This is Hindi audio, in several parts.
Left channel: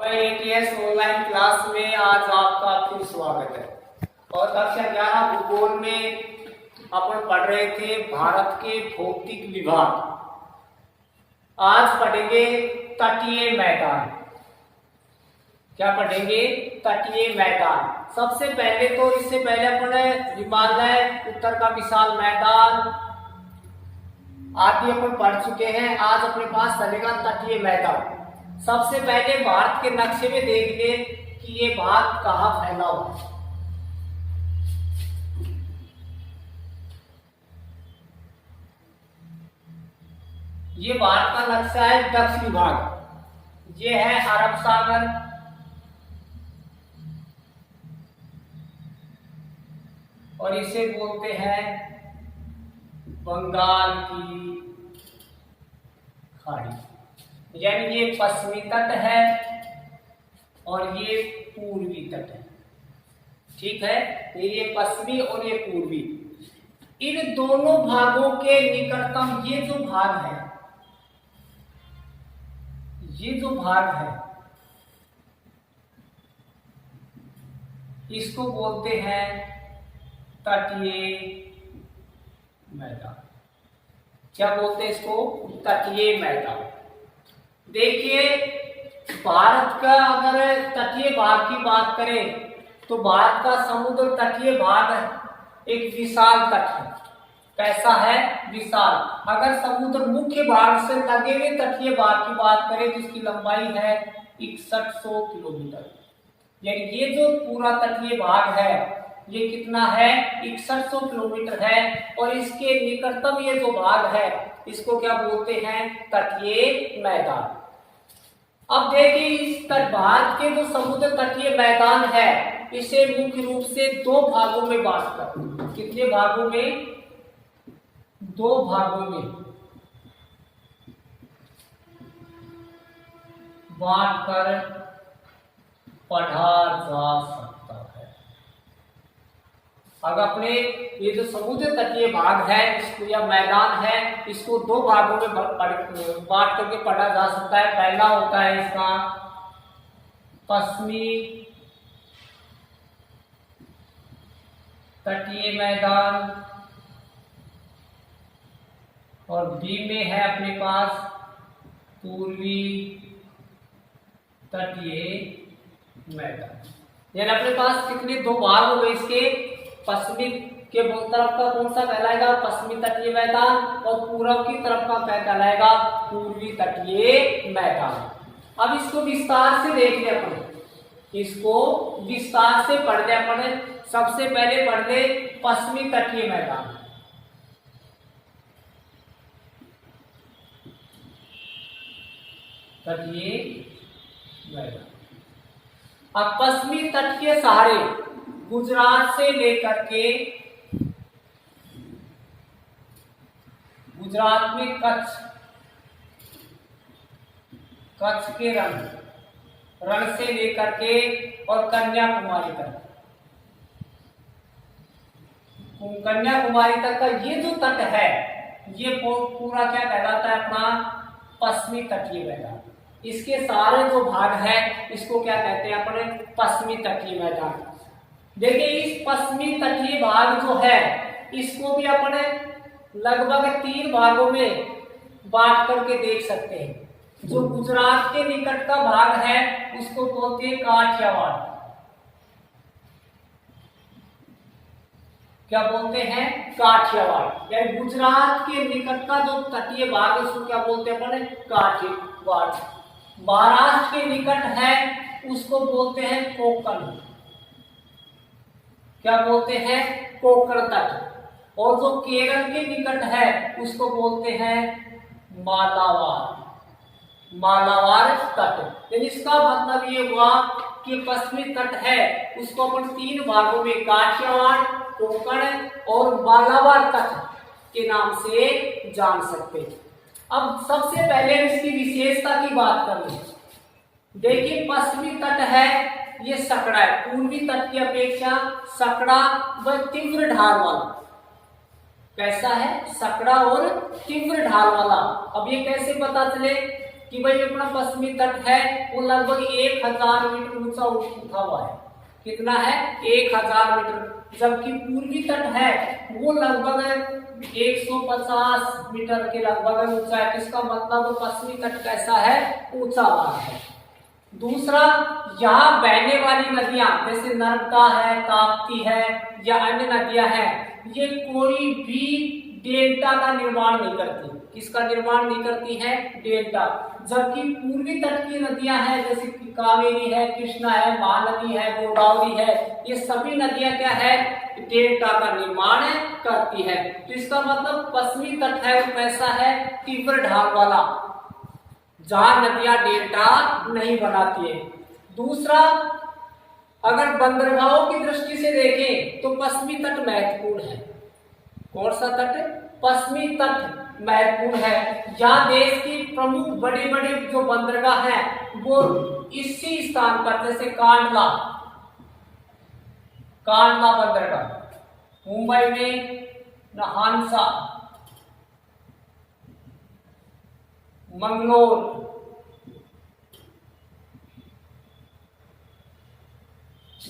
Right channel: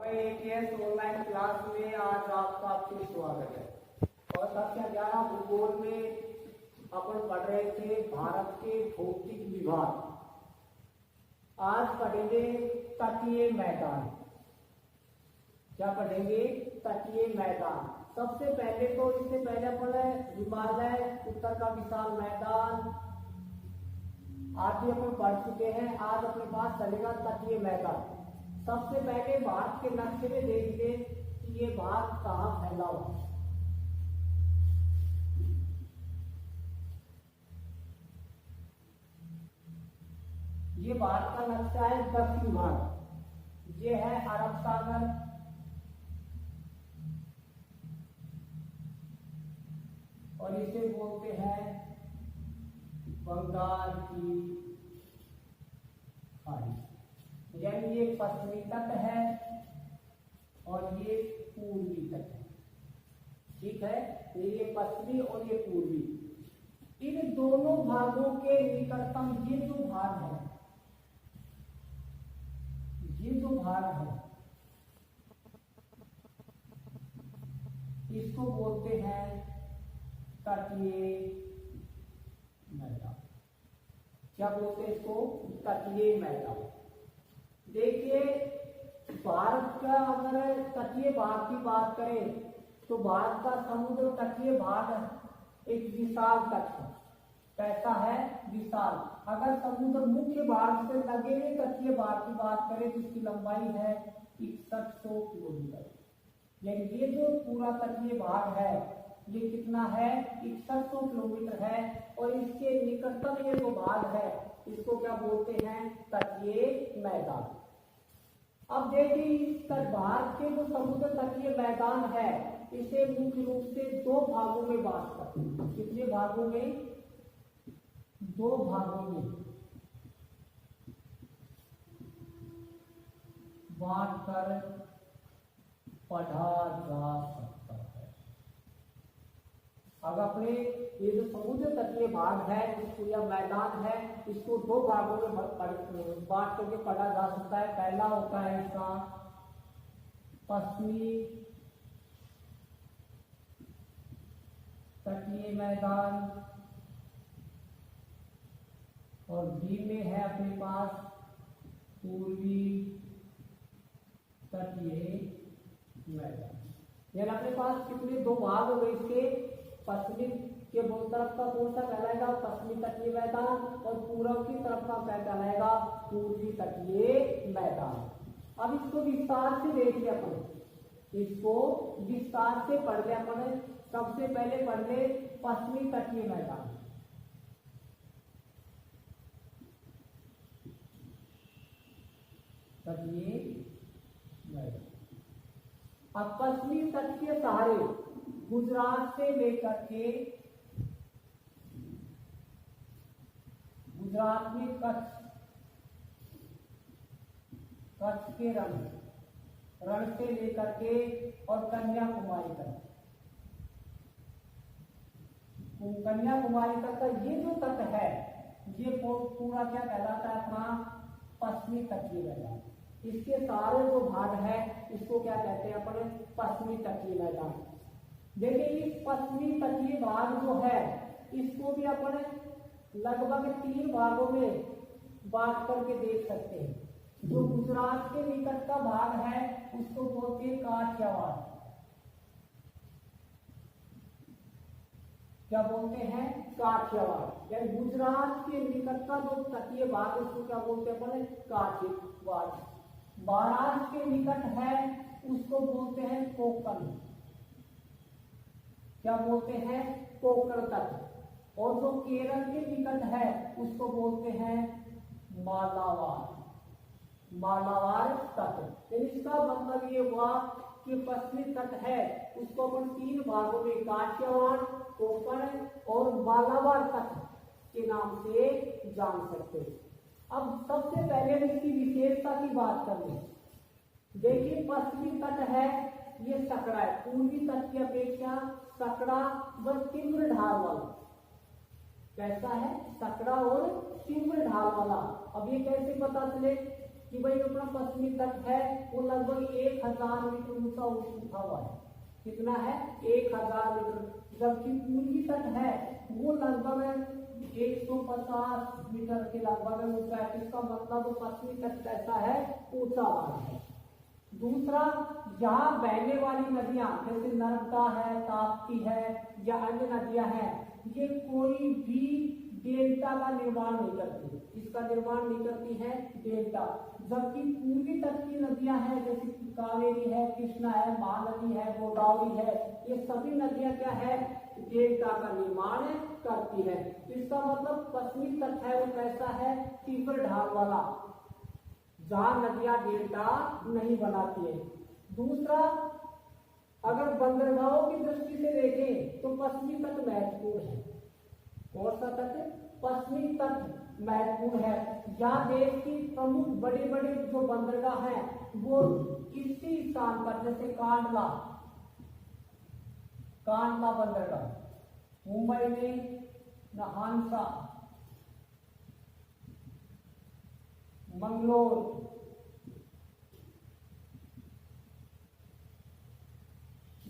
एटीएस ऑनलाइन क्लास में आज आपका फिर स्वागत है। और कक्षा 11 भूगोल में अपन पढ़ रहे थे भारत के भौतिक विभाग। आज पढ़ेंगे तटीय मैदान। क्या पढ़ेंगे? तटीय मैदान। सबसे पहले तो इससे पहले अपन हिमालय, उत्तर का विशाल मैदान आदि अपन पढ़ चुके हैं। आज अपने पास चलेगा तटीय मैदान। सबसे पहले भारत के नक्शे में देख ले कि ये भाग कहाँ फैला हुआ है। ये भारत का नक्शा है दक्षिणी भाग। ये है अरब सागर, और इसे बोलते हैं बंगाल की खाड़ी। यानी ये पश्चिमी तट है और ये पूर्वी तट है। ठीक है, ये पश्चिमी और ये पूर्वी। इन दोनों भागों के निकटतम ये जो भाग है, ये जो भाग है इसको बोलते हैं तटीय मैदान। क्या बोलते हैं इसको? तटीय मैदान। देखिए, भारत का अगर तटीय भाग की बात करें तो भारत का समुद्र तटीय भाग एक विशाल तट है। कैसा है? विशाल। अगर समुद्र मुख्य भाग से लगे हुए तटीय भाग की बात करें तो इसकी लंबाई है 6100 किलोमीटर। यानी ये जो पूरा तटीय भाग है ये कितना है? 6100 किलोमीटर है। और इसके निकटतम ये जो भाग है इसको क्या बोलते हैं? तटीय मैदान। अब देखिए, इस तट भारत के जो समुद्र तटीय मैदान है इसे मुख्य रूप से दो भागों में बांटकर, कितने भागों में? दो भागों में बांटकर पढ़ा जा सकता है। अगर अपने ये जो समुद्र तटीय भाग है इसको या मैदान है इसको दो भागों में बांट करके पढ़ा जा सकता है। पहला होता है इसका पश्चिमी तटीय मैदान, और बी में है अपने पास पूर्वी तटीय मैदान। यानी अपने पास कितने दो भाग हो गए इसके? पश्चिमी के तरफ का कौन सा कहलाएगा? पश्चिमी तटीय मैदान, और पूर्व की तरफ का कहलाएगा पूर्वी तटीय मैदान। अब इसको विस्तार से देख ले अपन, इसको विस्तार से पढ़ ले अपन। सबसे पहले पढ़ ले पश्चिमी तटीय मैदान। तटीय मैदान। अब पश्चिमी तट के सहारे गुजरात से लेकर के गुजरात में कच्छ के रण से लेकर के और कन्याकुमारी तक, कन्याकुमारी तक का ये जो तट है ये पूरा क्या कहलाता है? अपना पश्चिमी तटीय मैदान। इसके सारे जो भाग है इसको क्या कहते हैं? अपने पश्चिमी तटीय मैदान। देखिए, इस पश्चिमी तटीय भाग जो है इसको भी अपने लगभग 3 भागों में बांट करके देख सकते हैं। जो गुजरात के निकट का भाग है उसको बोलते हैं काठियावाड़। क्या बोलते हैं? काठियावाड़। यानी गुजरात के निकट का जो तटीय भाग है उसको क्या बोलते हैं? अपने काठियावाड़। महाराष्ट्र के निकट है उसको बोलते हैं कोंकण। क्या बोलते हैं? कोंकण तट। और जो केरल के निकट है उसको बोलते हैं मालाबार तट। यानी इसका मतलब ये हुआ कि पश्चिमी तट है उसको अपन 3 भागों में काठियावाड़, कोंकण और मालाबार तट के नाम से जान सकते हैं। अब सबसे पहले इसकी विशेषता की बात करें। देखिए, पश्चिमी तट है ये सकड़ा है, पूर्वी तट की अपेक्षा सकड़ा व तीव्र ढाल वाला। कैसा है? सकड़ा और तीव्र ढाल वाला। अब ये कैसे पता चले कि भाई अपना पश्चिमी तट है वो लगभग 1000 मीटर ऊंचा उठा हुआ है। कितना है? 1000 मीटर। जबकि पूर्वी तट है वो लगभग 150 मीटर के लगभग ऊंचा है। इसका मतलब पश्चिमी तट कैसा है? ऊंचा वाला है। दूसरा, यहाँ बहने वाली नदियां जैसे नर्मदा है, ताप्ती है या अन्य नदियां हैं, ये कोई भी डेल्टा का निर्माण नहीं करती। किसका निर्माण नहीं करती है? डेल्टा। जबकि पूर्वी तट की नदियां हैं जैसे कावेरी है, कृष्णा है, महानदी है, गोदावरी है, ये सभी नदियां क्या है? डेल्टा का निर्माण करती है। तो इसका मतलब पश्चिमी तट है वो कैसा है? तीव्र ढाल वाला, जहां नदियां डेल्टा नहीं बनाती है। दूसरा, अगर बंदरगाहों की दृष्टि से देखें तो पश्चिमी तट महत्वपूर्ण है। कौन सा तट? पश्चिमी तट महत्वपूर्ण है। यहाँ देश की प्रमुख बड़े बड़े जो बंदरगाह हैं वो इसी स्थान पर, जैसे कांडला बंदरगाह मुंबई में, हांसा, मंगलोर,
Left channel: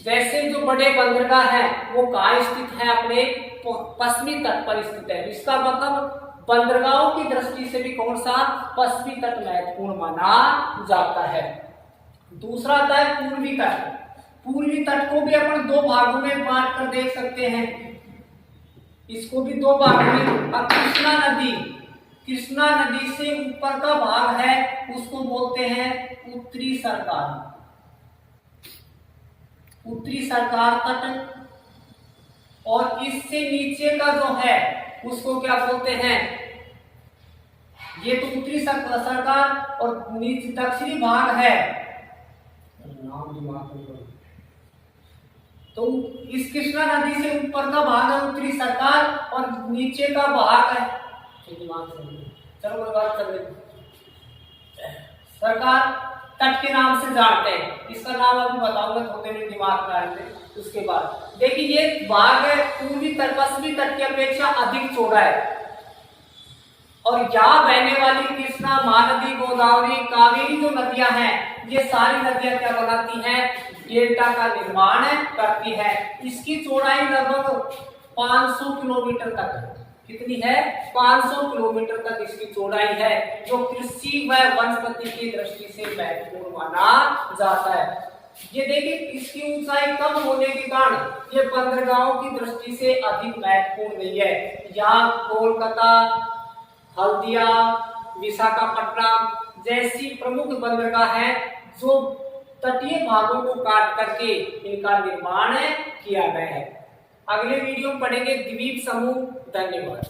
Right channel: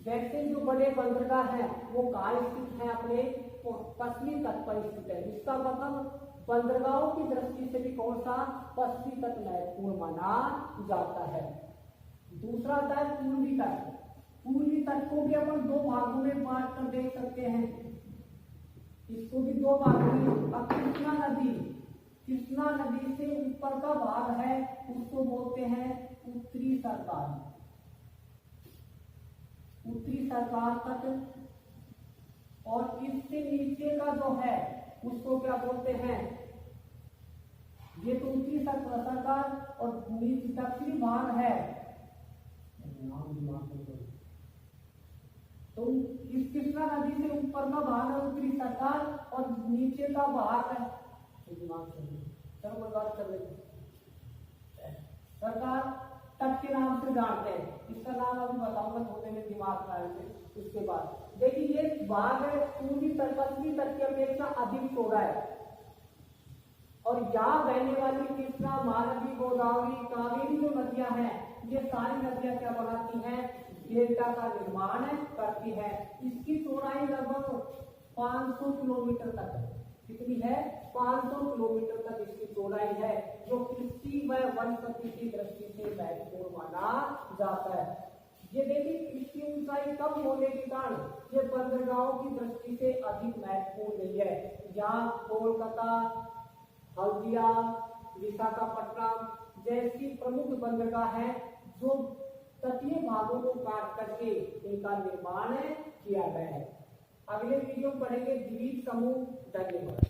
जैसे जो बड़े बंदरगाह हैं वो कहाँ स्थित है? अपने पश्चिमी तट पर स्थित है। इसका मतलब बंदरगाहों की दृष्टि से भी कौन सा? पश्चिमी तट महत्वपूर्ण माना जाता है। दूसरा आता है पूर्वी तट। पूर्वी तट को भी अपन दो भागों में बांट कर देख सकते हैं। इसको भी दो भागों में। अब कृष्णा नदी से ऊपर का भाग है उसको बोलते हैं उत्तरी सरकार तट, और इससे नीचे का जो है उसको क्या बोलते हैं? ये तो उत्तरी सरकार, और नीचे दक्षिणी भाग है, तो इस कृष्णा नदी से ऊपर का भाग है उत्तरी सरकार और नीचे का भाग है, चलो कोई बात कर लेते, सरकार तट के नाम से जानते हैं। इसका नाम अभी बताऊंगा, थोड़े मेरे दिमाग में आएंगे। उसके बाद देखिए ये भाग है पूर्वी तट, पश्चिमी तट की अपेक्षा अधिक चौड़ा है, और यहाँ बहने वाली कृष्णा, महानदी, गोदावरी, कावेरी जो नदियां हैं ये सारी नदियां क्या बनाती हैं? डेल्टा का निर्माण करती है। इसकी चौड़ाई लगभग 500 किलोमीटर तक है। कितनी है? 500 किलोमीटर तक इसकी चौड़ाई है, जो कृषि व वनस्पति की दृष्टि से महत्वपूर्ण माना जाता है। ये देखिए इसकी ऊंचाई कम होने के कारण ये बंदरगाहों की दृष्टि से अधिक महत्वपूर्ण नहीं है। यहाँ कोलकाता, हल्दिया, विशाखापट्टनम जैसी प्रमुख बंदरगाह हैं जो तटीय भागों को काट करके इनका निर्माण किया गया है। अगले वीडियो में पढ़ेंगे द्वीप समूह। धन्यवाद।